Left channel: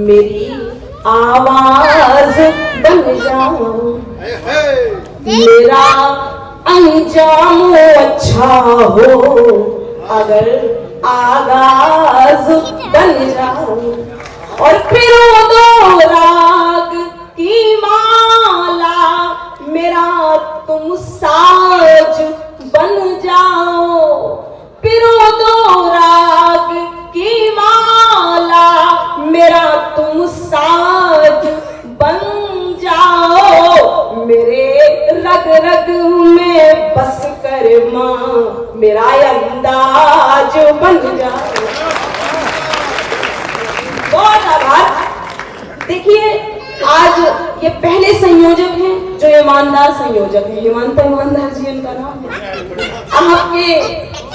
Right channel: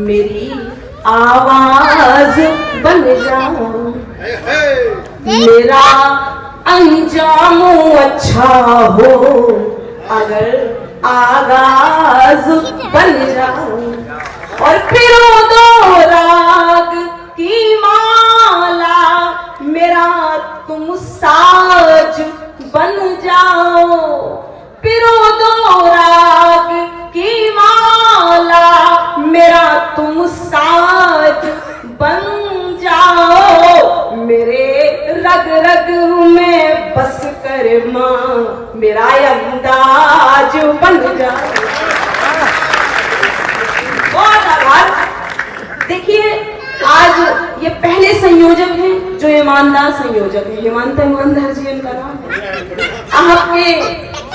मेरी आवाज बन जाओ, मेरा अंजाम अच्छा हो, अगर आगाज बन जाओ और फिर दो राग की माला, मेरा तुम साज बन जाओ। फिर दो राग की माला, मेरा तुम साज बन जाओ। मेरे रग रग में बस कर मां, मेरा अंदाज बन जाओ। बहुत आभार। देखिए, आज ये पहले संयोजक हैं जो ईमानदार संयोजक है। ईमानदार जी इनका नाम है। आपके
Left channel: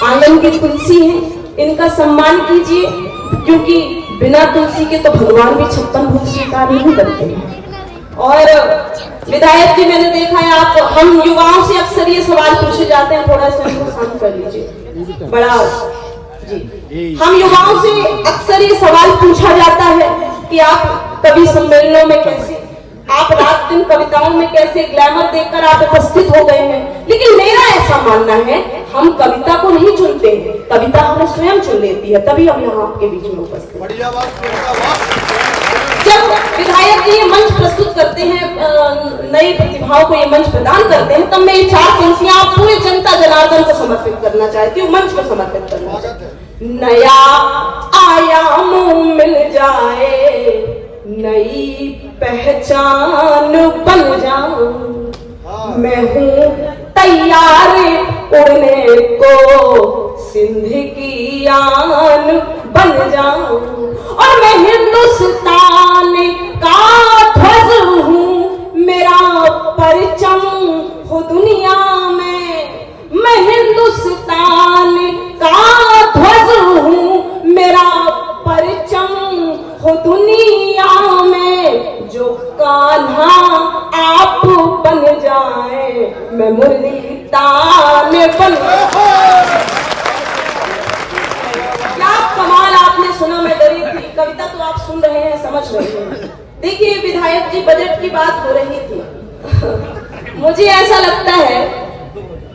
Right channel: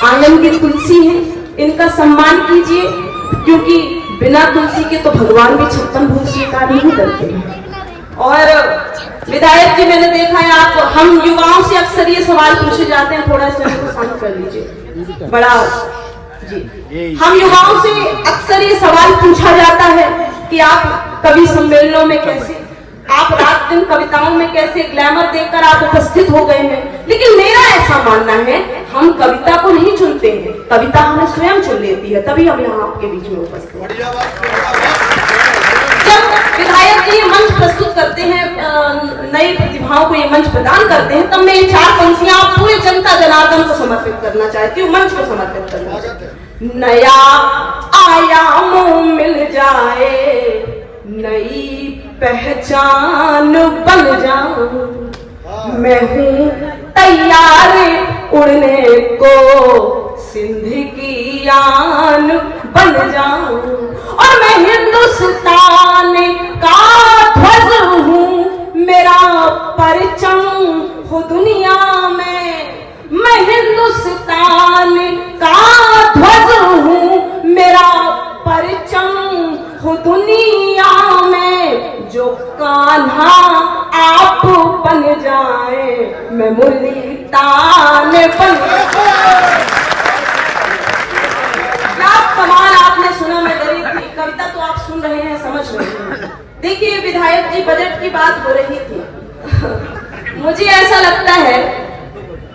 आंगन की तुलसी है, इनका सम्मान कीजिए, क्योंकि बिना तुलसी के तो भगवान भी 56 भोग स्वीकार नहीं करते हैं। और विधायक जी, मैंने देखा है आप, हम युवाओं से अक्सर ये सवाल पूछे जाते हैं, थोड़ा सा इनको शांत कर लीजिए। बड़ा जी, हम युवाओं से अक्सर ये सवाल पूछा जाता है कि आप कवि सम्मेलनों में कैसे, आप रात दिन कविताओं में कैसे ग्लैमर देखकर आप उपस्थित हो गए हैं। लेकिन मेरा ऐसा मानना है, हम कविता को नहीं चुनते हैं, कविता हमें स्वयं चुन लेती है, तभी हम यहाँ आपके बीच में उपस्थित हैं। जब विधायक जी ये मंच प्रस्तुत करते हैं, नई प्रतिभाओं को ये मंच प्रदान करते हैं, तब मैं ये 4 पंक्तियां पूरे जनता जनार्दन को समर्पित करना चाहती हूँ, मंच को समर्पित करना चाहती हूँ। नया आयाम मिल जाए, नई पहचान बन जाऊं, मैं हूँ तैयार उड़ने को, सिंध की आन बन जाऊं, और मैं हिंदुस्तान का ध्वज हूँ, मेरा परचम हो दुनिया में। मैं हिंदुस्तान का ध्वज हूँ, मेरा परचम हो दुनिया में। जो कान्हा आप बन जाए, मैं मुरली तान बन जाए। क्या कमाल आपने सुना, मैं डरी थी। कविता तो आप सुन रहे हैं, समझ रहे हैं। देखिए विधायक जी, बजट की बात हो रही थी। मुझे ऐसा लगता है,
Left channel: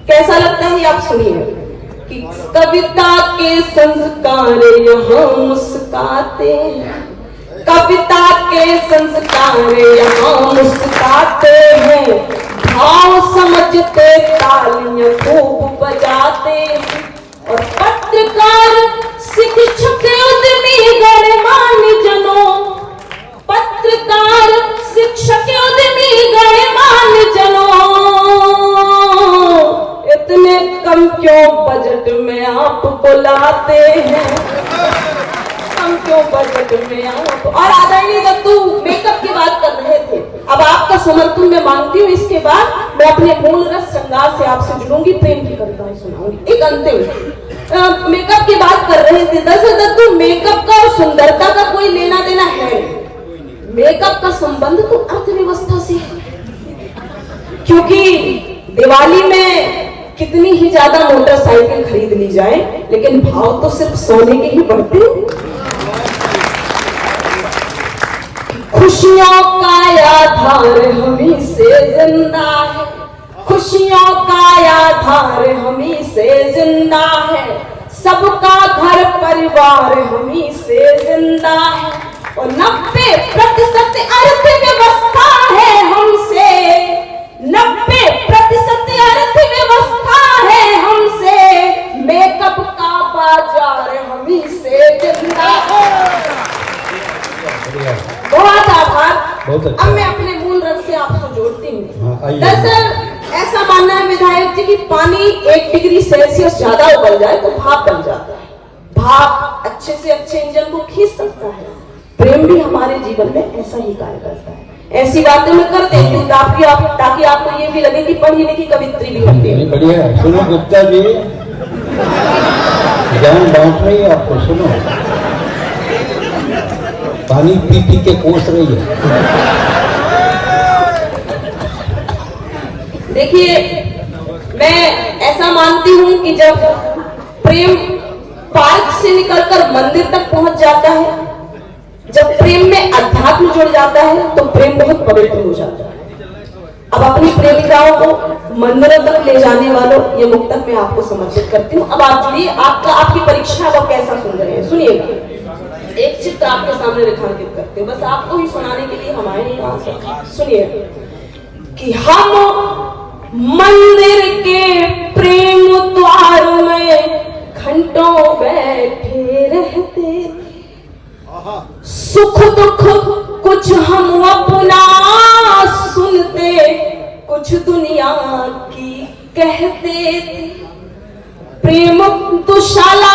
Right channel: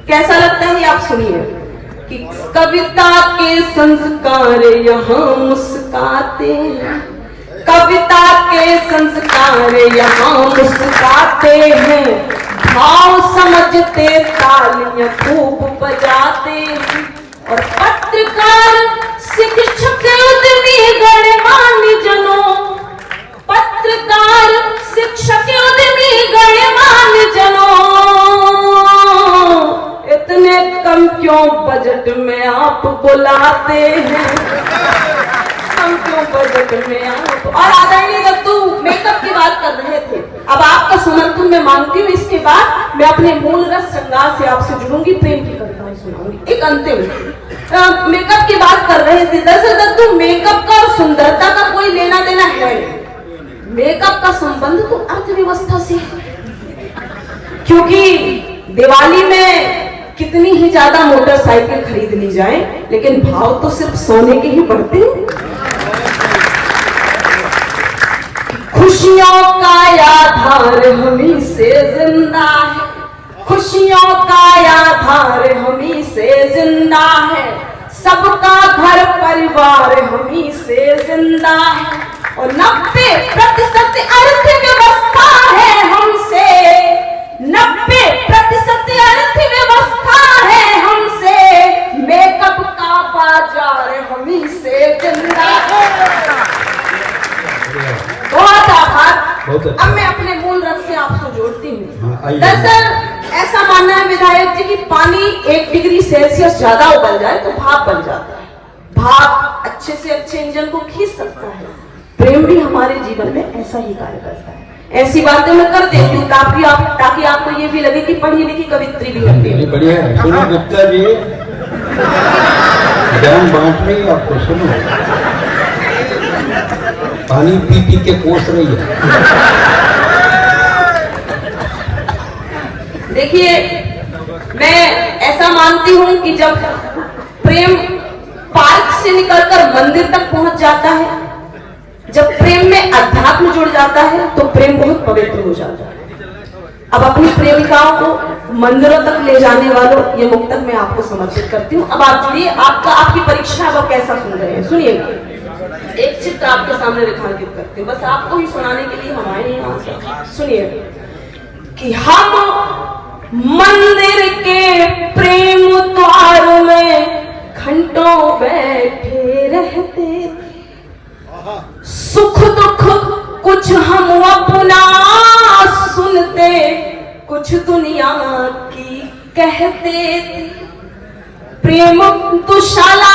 कैसा लगता है आप सुनिए, कि कविता के संस्कार यहाँ मुस्काते हैं, कविता के संस्कार यहाँ मुस्काते हैं, भाव समझते तालियां खूब बजाते हैं। और पत्रकार शिक्षक उद्यमी गणमान्य जनों, पत्रकार शिक्षक उद्यमी गणमान्य जनों, इतने कम क्यों बजट में आप बुलाते हैं, कम क्यों बजट में आप। और आदरणीय दत्तू मेकअप की बात कर रहे थे, अब आपका समर्थन मैं मांगती हूँ। इसके बाद मैं अपने मूल रस श्रृंगार से आपसे जुड़ूंगी, प्रेम की कविताएं सुनाऊंगी। एक अंतिम मेकअप की बात कर रहे थे। दरअसल दत्तू, मेकअप का और सुंदरता का कोई लेना देना है नहीं। मेकअप का संबंध तो अर्थव्यवस्था से है, क्योंकि दिवाली में कितनी ही ज्यादा मोटरसाइकिल खरीद ली जाए, लेकिन भाव तो सिर्फ सोने के ही बढ़ते हैं। खुशियों का आधार हमी से जिंदा है, खुशियों का आधार हमी से जिंदा है, सबका घर परिवार हमी से जिंदा है। और 90% अर्थव्यवस्था है हमसे, 90% अर्थव्यवस्था है हमसे, मेकअप का बाजार हमी से जिंदा है। बहुत आभार। अब मैं अपने मूल रंग से आपको जोड़ती हूँ। दरअसल ऐसा मानना है विधायक जी कि पानी 1 डिग्री सेल्सियस ज्यादा उबल जाए तो भाप बन जाता है। भाप अच्छे से अच्छे इंजन को खींच सकता है। प्रेम भी हमारे जीवन में ऐसा ही कार्य करता है। ऐसी बातें मैं कर देती हूँ ताकि आपको ये भी लगे कि पढ़ी लिखी कवित्री भी करती है। बढ़िया है। सुनो गुप्ता जी, ज्ञान बांट रही है आपको। सुनो, पानी पी पी के कोस रही है। देखिए, मैं ऐसा मानती हूं कि जब प्रेम पार्क से निकलकर मंदिर तक पहुंच जाता है जब प्रेम में अध्यात्म जुड़ जाता है तो प्रेम बहुत पवित्र हो जाता है। अब अपनी प्रेमिकाओं को मंदिरों तक ले जाने वालों ये मुक्तक मैं आपको समर्पित करती हूँ। अब आप जुड़िए, आपकी परीक्षा अब कैसा सुन रहे हैं सुनिएगा। एक चित्र आपके सामने रेखांकित करते हैं, बस आपको ही सुनाने के लिए हम आए हैं यहाँ से। सुनिए कि हम मंदिर के प्रेम द्वार में घंटों बैठे रहते, सुख दुख कुछ हम अपना सुनते, कुछ दुनिया की कहते। प्रेम दुशाला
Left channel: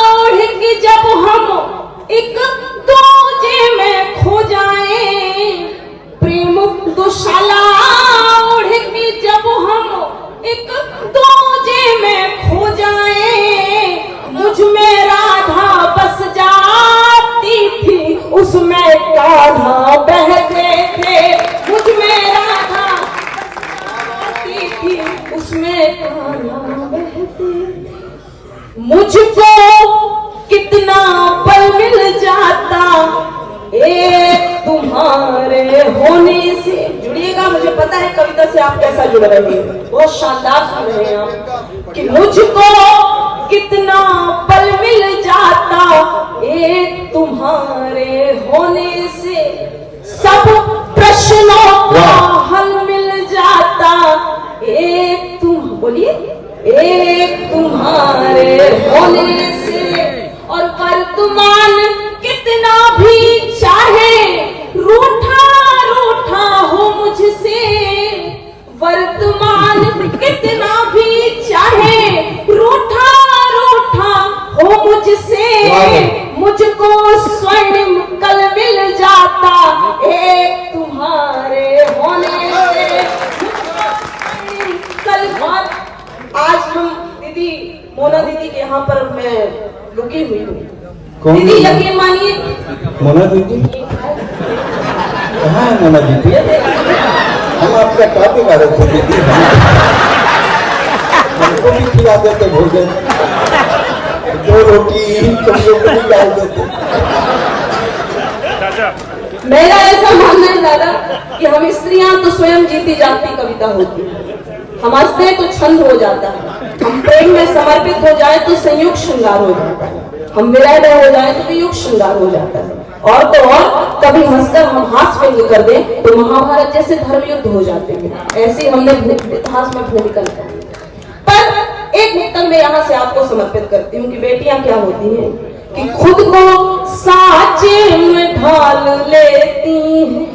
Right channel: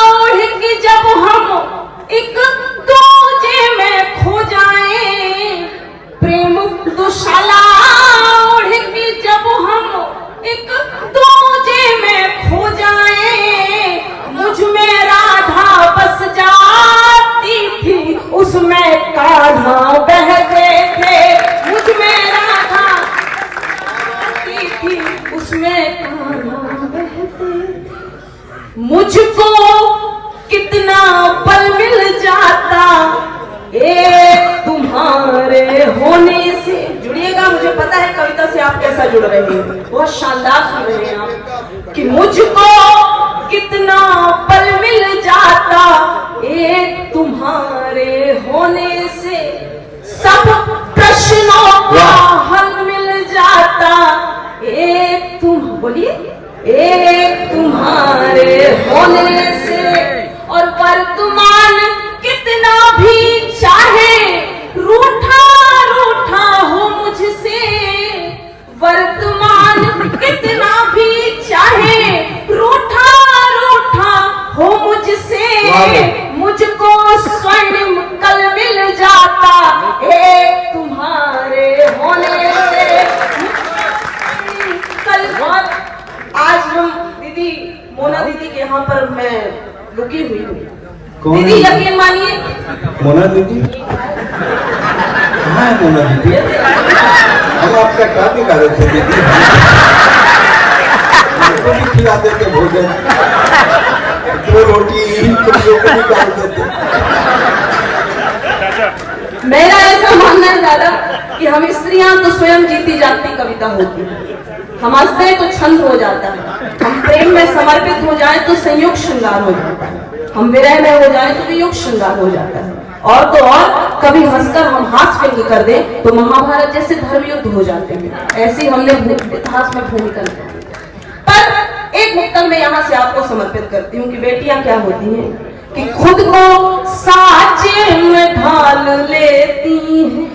ओढ़ के जब हम एक दूजे में खो जाएं, प्रेम दुशाला ओढ़ के जब हम एक दूजे में खो जाएं, मुझ में राधा बस जाती थी, उसमें कान्हा बहते थे। मुझ में राधा बसती थी, उसमें कान्हा बहते। मुझको कितना पल मिल जाता एक तुम्हारे होने से। जुड़िएगा, मुझे पता है कविता से आप कैसा जुड़ रहे हैं, बहुत शानदार सुन रहे हैं आप। कि मुझको कितना पल मिल जाता एक तुम्हारे होने से, सब प्रश्नों का हल मिल जाता एक तुम, बोलिए, एक तुम्हारे होने से। और वर्तमान कितना भी चाहे रूठा रूठा हो मुझसे, वर्तमान कितना भी चाहे रूठा रूठा हो मुझसे, मुझको स्वर्णिम कल मिल जाता एक तुम्हारे होने से। कल आज हम दीदी मोना दीदी के यहाँ पर मैं रुकी हुई हूँ। दीदी यकीन मानिए, मोना दीदी कहाँ है? मोना दीदी हम आपका क्या बिगा रहे थे दीदी, हमको भी खिला देते भोजन, 2 रोटी कमियों को भी डाल देते। मेरा ऐसा मानना है दादा कि हम स्त्रियां तो स्वयं जीती जागती कविता होती है। हम हंसते हैं तो छंद हो जाता है, हम प्रेम में समर्पित हो जाए तो संयुक्त श्रृंगार हो जाता है, हम विरह में हो जाए तो वियुक्त श्रृंगार हो जाता है। और तो और कभी हंसकर हम हाथ व्यंग कर दें तो महाभारत जैसे धर्म युद्ध हो जाते हैं। ऐसे हमने इतिहास में भूमिका निभाई। पर एक मुक्तक मैं यहाँ से आपको समर्पित करती हूँ कि बेटियां क्या होती हैं कि खुद को साचे में ढाल लेती हैं।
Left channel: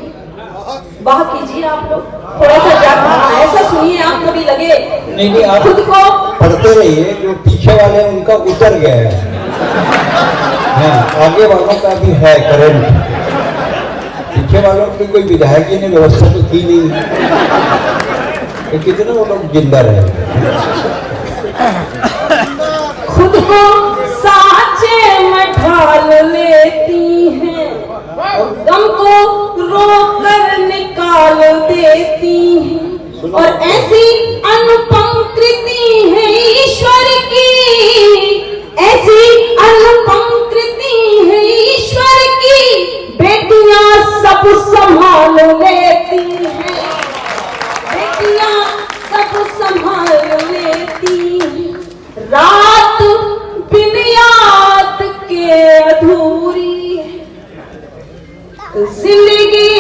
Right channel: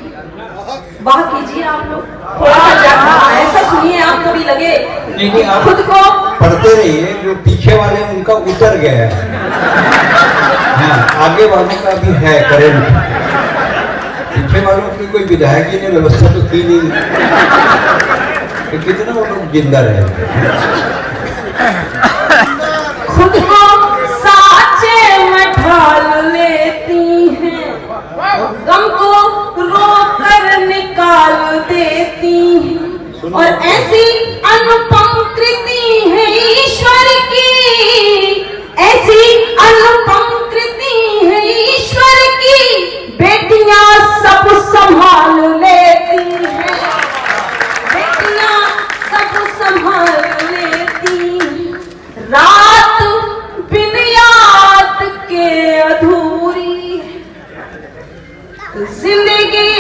वाह कीजिए आप लोग, थोड़ा सा जाकर ऐसा सुनिए, आप कभी लगे नहीं, आप खुद को पढ़ते रहिए, जो पीछे वाले हैं उनका उतर गया है, हाँ, आगे वालों का भी है करंट। पीछे वालों की कोई विधायक जी ने व्यवस्था तो की नहीं, तो कितने वो लोग जिंदा रहे। खुद को साचे में ढाल लेती हैं और गम को रोक कर निकाल देती हैं, और ऐसी अनुपम कृति है ईश्वर की, ऐसी अनुपम कृति है ईश्वर की, बेटियां सब संभाल लेती हैं, बेटियां सब संभाल लेती हैं। रात बिन याद के अधूरी है, जिंदगी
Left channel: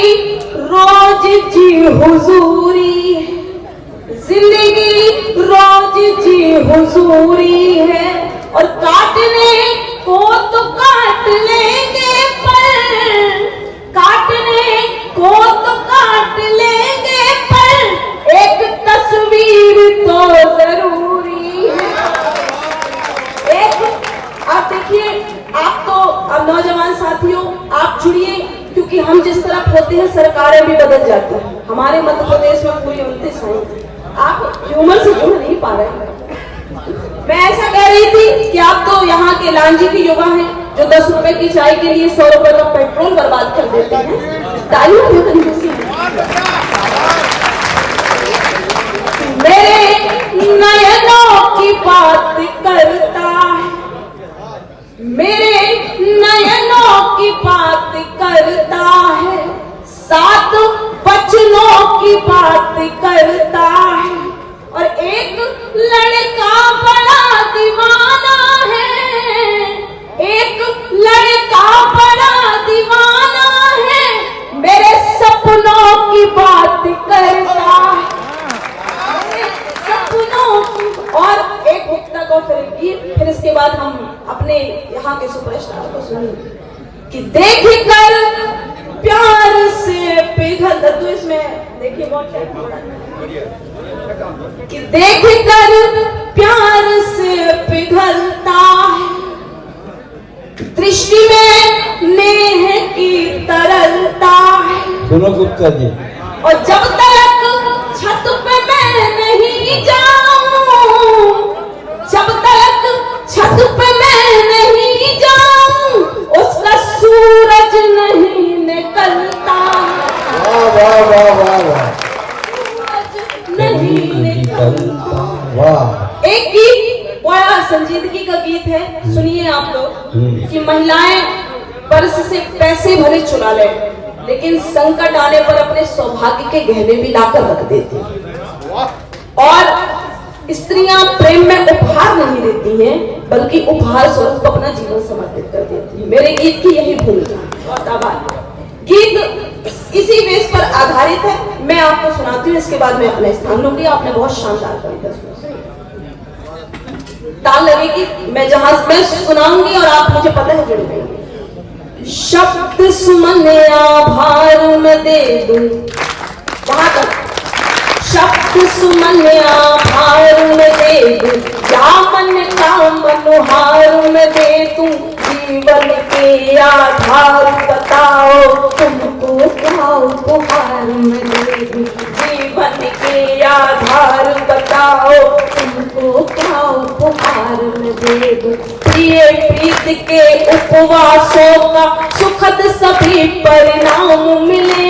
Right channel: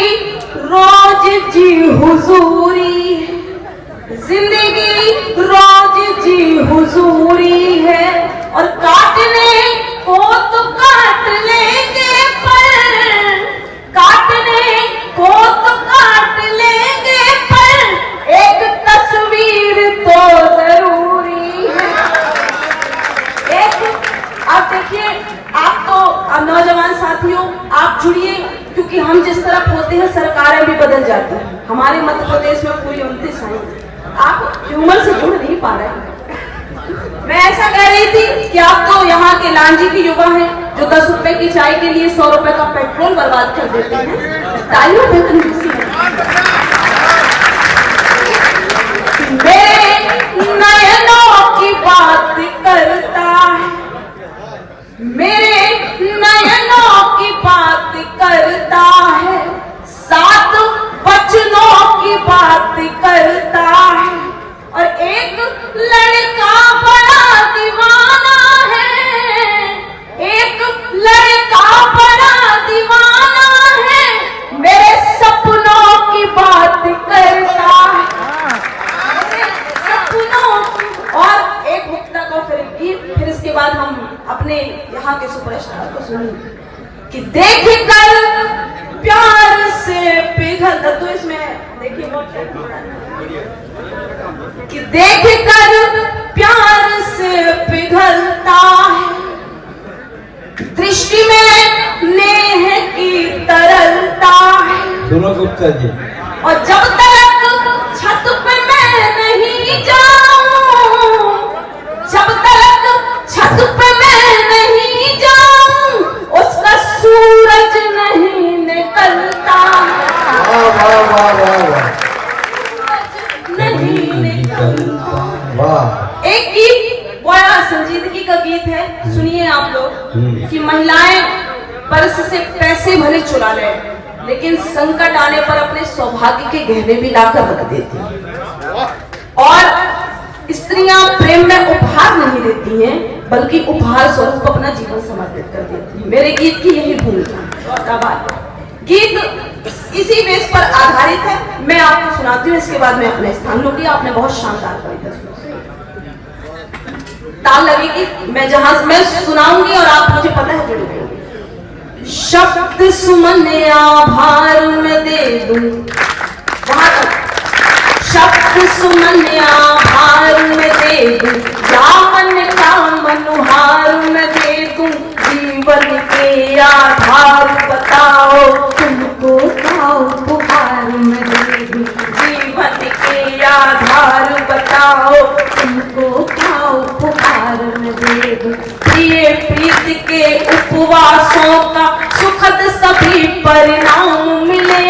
रोज जी हुजूरी है, जिंदगी रोज जी हुजूरी है। और काटने को तो काट लेंगे, पर काटने को तो काट लेंगे, पर एक तस्वीर तो जरूरी है। एक आप देखिए, आप तो अब नौजवान साथियों आप जुड़िए, क्योंकि हम जिस तरफ होते हैं सरकारें भी बदल जाती हैं। हमारे मध्य प्रदेश में पूरी 29 हैं, आप ह्यूमर से जुड़ नहीं पा रहे हैं। मैं ऐसा कह रही थी कि आप तो यहाँ के लांजी की युवा हैं जो 10 रुपए की चाय के लिए 100 रुपए का पेट्रोल बर्बाद कर देते हैं। तालियों में कंजूसी है। मेरे नयनों की बात करता है, मेरे नयनों की बात लड़का बड़ा दीवाना है, एक लड़का बड़ा दीवाना है, मेरे सपनों की बात करता है, सपनों की। और एक मुक्ता को फिर इसके बाद हम अपने यहाँ के सुपरस्टार को सुनेंगे कि देख कर प्यार से पिघल, तो इसमें देखिए बहुत कि देख कर प्यार से पिघलता है, दृष्टि में नेह की तरलता है। सुनो गुप्ता जी, और जब तक छत पे मैं नहीं जाऊं, जब तक छत पे मैं नहीं जाऊं, उसका सूरज नहीं निकलता, वाह वाह वाह वाह, नहीं निकलता। वाह। एक गीत बड़ा संजीदगी का गीत है, सुनिए आप लोग कि महिलाएं पर्स से पैसे भले चुरा लें, लेकिन संकट आने पर अपने सौभाग्य के गहने भी लाकर रख देती हैं। और स्त्रियां प्रेम में उपहार नहीं देती हैं, बल्कि उपहार स्वरूप अपना जीवन समर्पित कर देती हैं। मेरे गीत की यही भूमिका। गीत इसी बेस पर आधारित है। मैं आपको सुनाती हूँ, इसके बाद मैं अपना स्थान लूंगी। आपने बहुत शानदार कविता सुनी, ताल लगेगी, मैं जहां मैं सुनाऊंगी और आप मुझे पता है जुड़ गएंगे। शब्द सुमन आभार में दे दूं, वहां तक शब्द सुमन आभार में दे दूं, या मन का मनोहार में दे दूं, जीवन के आधार बताओ तुमको क्या उपहार में दे दूं, जीवन के आधार बताओ तुमको क्या उपहार में दे दूं। प्रिय प्रीत के उपवासों का सुखद सभी परिणाम मिले,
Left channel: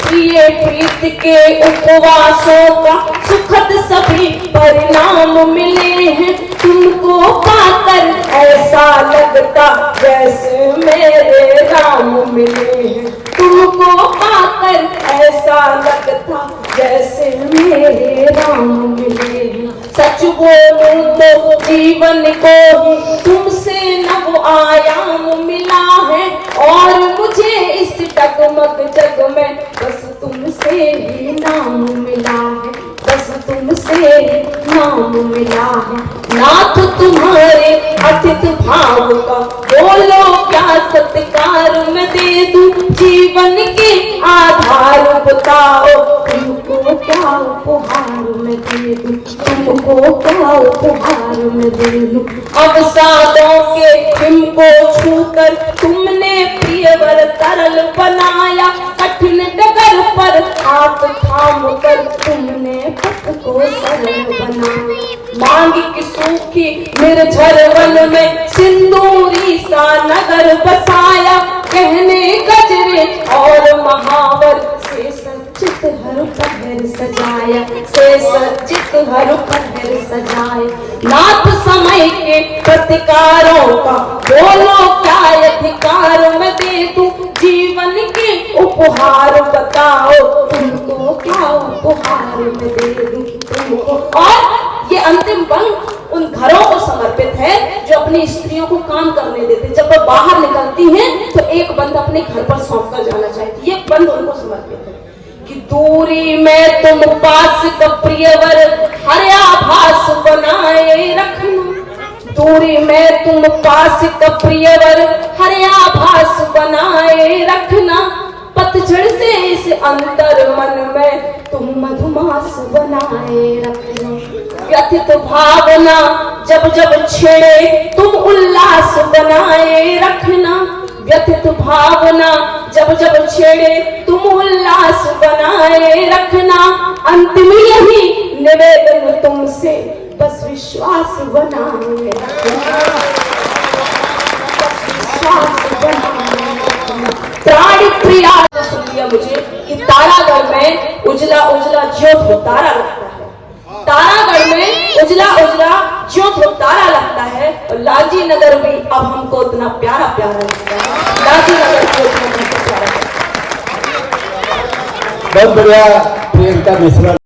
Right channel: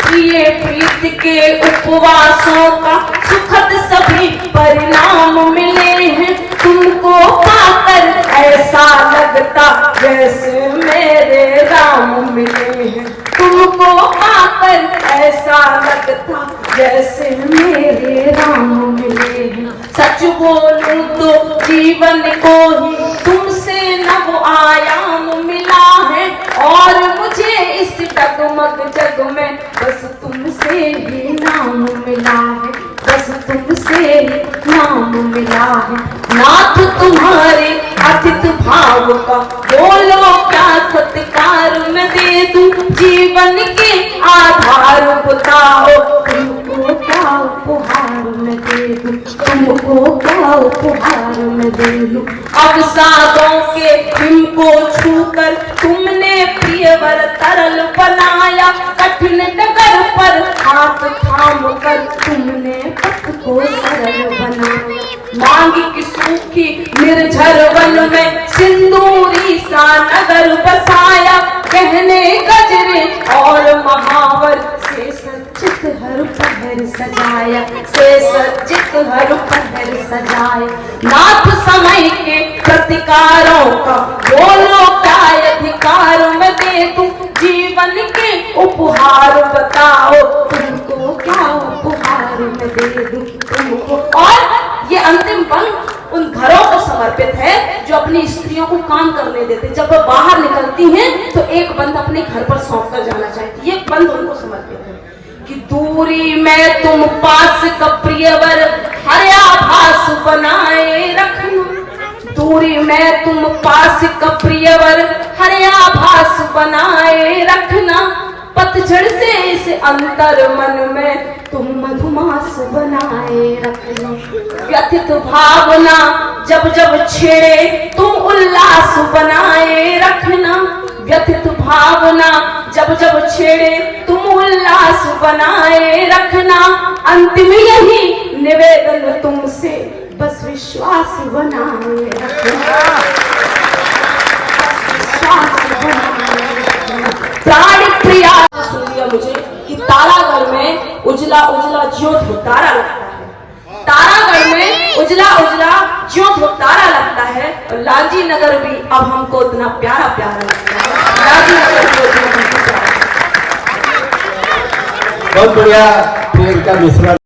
प्रिय प्रीत के उपवासों का सुखद सभी परिणाम मिले हैं, तुमको पाकर ऐसा लगता जैसे मेरे राम मिले हैं, तुमको पाकर ऐसा लगता जैसे मेरे राम मिले हैं। सच बोलूं तो जीवन को ही तुमसे नव आयाम मिला है, और मुझे इस डगमग जग में बस तुमसे ही नाम मिला है, बस तुमसे ही नाम मिला है। नाथ तुम्हारे अतिथ भाव का बोलो क्या सत्कार में दे दूं, जीवन के आधार बताओ तुमको क्या उपहार में दे दूं, तुमको क्या उपहार में दे दूं। अवसादों के हिम को छूकर तुमने प्रियवर तरल बनाया, कठिन डगर पर हाथ थाम कर तुमने पथ को सरल बनाया। मांग की सूखी निर्झर वन में सिंदूरी सा नगर बसाया, गहने गजरे और महावर से सज्जित हर पहर सजाया, से सज्जित हर पहर सजाया। नाथ समय के प्रतिकारों का बोलो क्या अधिकार में दे दूं, जीवन के उपहार बताओ तुमको क्या उपहार में दे दूं तुमको। और ये अंतिम बंद उन घरों को समर्पित है जो अपनी स्त्रियों को काम करने देते। जब वो बाहर निकलती हैं तो एक बंद अपने घर पर सौंप कर जाना चाहती है, ये बंद उनको समर्पित है कि दूरी में तुम पास का प्रियवर हर आभास बनाए रखना, दूरी में तुम पास का प्रियवर हर आभास बनाए रखना, पतझड़ से इस अंतर मन में तुम मधुमास बनाए रखना। व्यथित भावना जब जब छेड़े तुम उल्लास बनाए रखना, व्यथित भावना जब जब छेड़े तुम उल्लास बनाए रखना। अंतिम यही निवेदन तुमसे बस विश्वास बनाए रखना, विश्वास बनाए रखना। प्राण प्रिया सुनिए मुझे कि तारागढ़ में उजला उजला ज्योत हो तारा लगता है, तारागढ़ में उजला उजला ज्योत हो तारा लगता है, और लालजी नगर भी अब हमको इतना प्यारा प्यारा लगता है। लालजी नगर को इतना प्यारा। बहुत बढ़िया प्रियंका मिश्रा।